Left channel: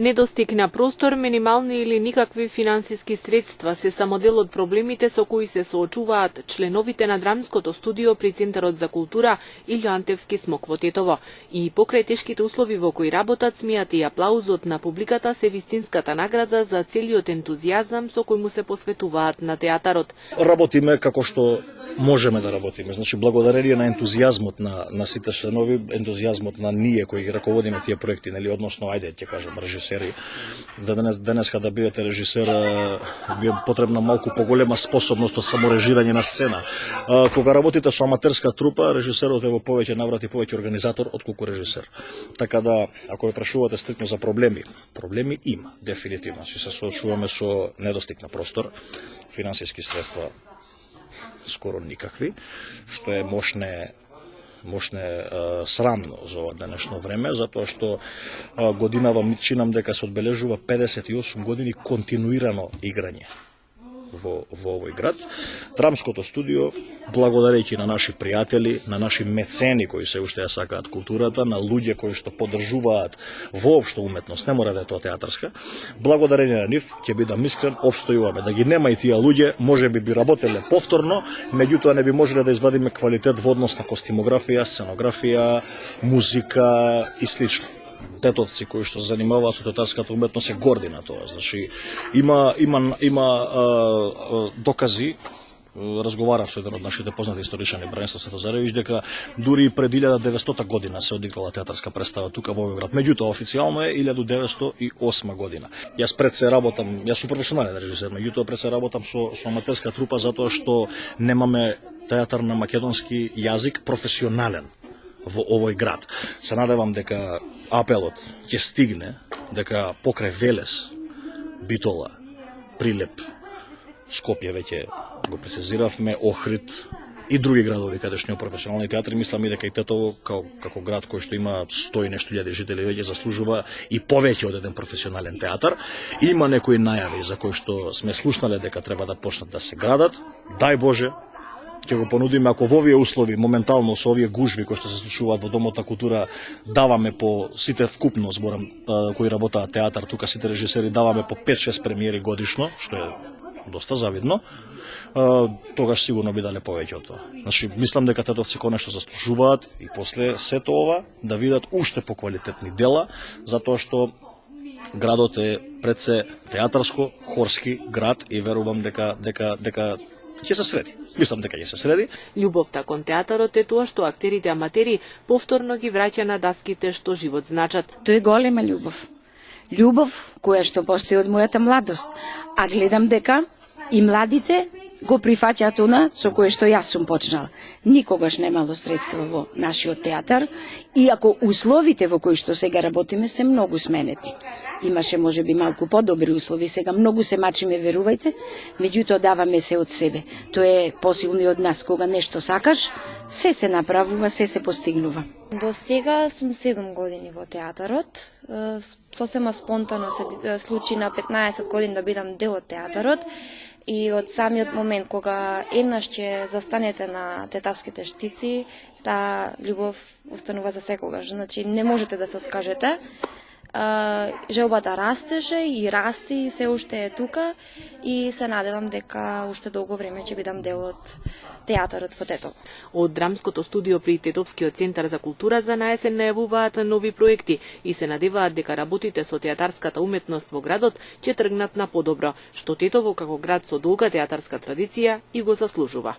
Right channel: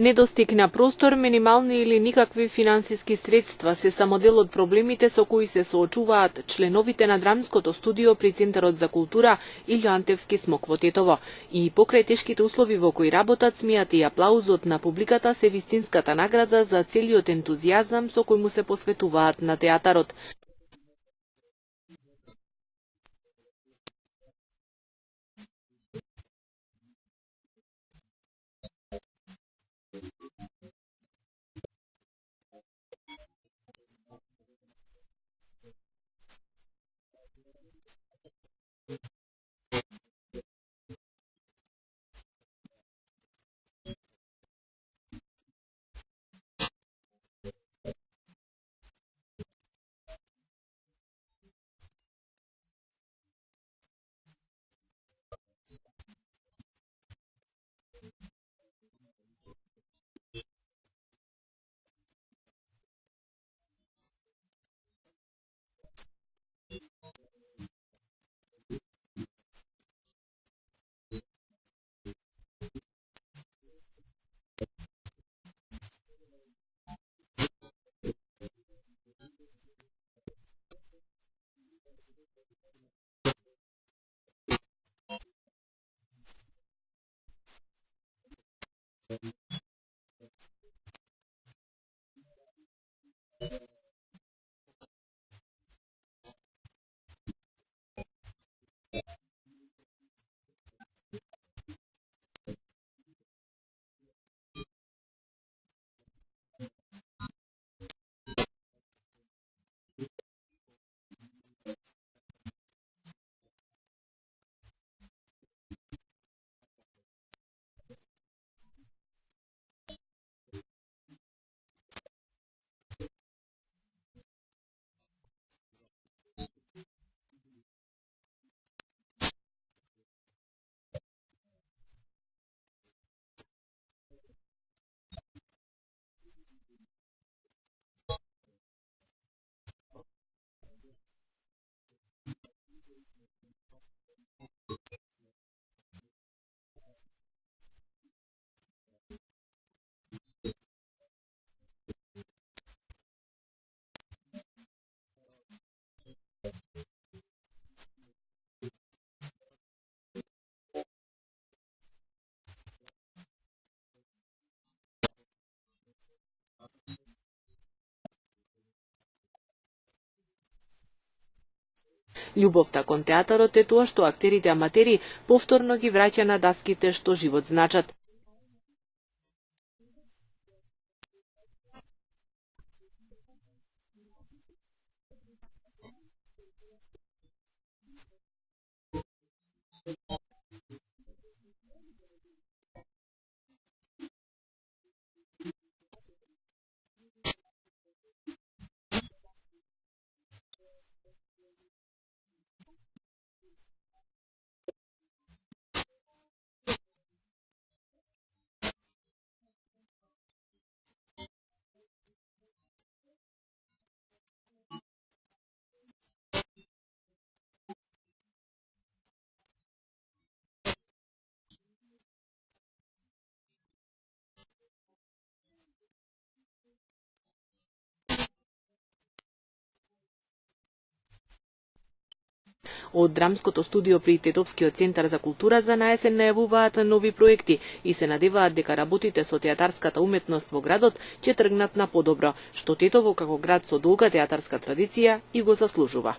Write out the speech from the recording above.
Недостиг на простор, минимални или никакви финансиски средства се само дел од проблемите со кои се соочуваат членовите на драмското студио при Центарот за култура Илјо Антевски Смок во Тетово. И покрај тешките услови во кои работат, смејат и аплаузот на публиката се вистинската награда за целиот ентузијазам со кој му се посветуваат на театарот. Работиме како што можеме да работиме. Значи, благодарение на ентузијазмот на сите членови, ентузијазмот на ние кои ги раководиме тие проекти, нели, односно, ајде, ќе кажам, режисери. За денеска да бидете режисер, ви е потребна малку поголема способност од саморежирање на сцена. Кога работите со аматерска трупа, режисерот е во повеќе наврати повеќе организатор отколку режисер. Така да, ако ме прашувате стрикно за проблеми има, дефинитивно. Значи, се соочуваме со недостиг на простор, финансиски средства скоро никакви, што е мошне срамно за ова денешно време, затоа што годинава ми чинам дека се одбележува 58 години континуирано играње во овој град. Драмското студио, благодарејќи на наши пријатели, на наши мецени кои се уште ја сакаат културата, на луѓе кои што поддржуваат воопшто уметност, не мора да е тоа театарска, благодарение на нив, ќе бидам искрен, опстојуваме. Да ги нема и тие луѓе, можеби би работеле повторно, меѓутоа не би можеле да извадиме квалитет во однос на костимографија, сценографија, музика и слично. Тетовци кои што се занимаваат со театарската уметност се горди на тоа. Значи, има докази. Разговарав со еден од нашите познати историчани, Бранислав Светозаревич, дека дури и пред 1900 година се одиграла театарска представа тука во овој град. Меѓутоа, официјално е 1908 година. Јас пред се работам, јас сум професионален режисер, меѓутоа пред се работам со аматерска трупа затоа што немаме театар на македонски јазик професионален во овој град. Се надевам дека апелот ќе стигне, дека покрај Велес, Битола, Прилеп, Скопје веќе го прецизиравме, Охрид и други градови каде што има професионални театри, мислам и дека и Тетово како град кој што има 100 и нешто илјади жители веќе заслужува и повеќе од еден професионален театар. Има некои најави за кои што сме слушнале дека треба да почнат да се градат. Дај Боже, ќе го понудиме, ако во овие услови, моментално со овие гужви кои што се случуваат во Домот на култура, даваме по сите вкупно, зборам, кои работаат театар, тука сите режисери даваме по 5-6 премиери годишно, што е доста завидно, тогаш сигурно би дале повеќе од тоа. Значи, мислам дека тетовци конечно заслужуваат и после сето ова да видат уште поквалитетни дела, затоа што градот е пред се театарско, хорски град и верувам дека ќе се среди. Мислам дека ќе се среди. Љубовта кон театарот е тоа што актерите аматери повторно ги враќа на даските што живот значат. Тоа е голема љубов. Љубов која што постои од мојата младост. А гледам дека и младице го прифаќаат она со кое што јас сум почнала. Никогаш немало средства во нашиот театар, иако условите во кои што сега работиме се многу сменети. Имаше можеби малку подобри услови, сега многу се мачиме, верувајте, меѓутоа даваме се од себе. Тоа е посилно и од нас, кога нешто сакаш, се направува, се постигнува. До сега сум 7 години во театарот. Сосема спонтано се случи на 15 години да бидам дел од театарот. И од самиот момент кога еднаш ќе застанете на тетавските штици, таа љубов останува за секогаш. Значи не можете да се откажете. Желбата растеше и расти и се уште е тука и се надевам дека уште долго време ќе бидам дел од театарот во Тетово. Од драмското студио при Тетовскиот центар за култура за наесен најавуваат нови проекти и се надеваат дека работите со театарската уметност во градот ќе тргнат на подобро, што Тетово како град со долга театарска традиција и го заслужува.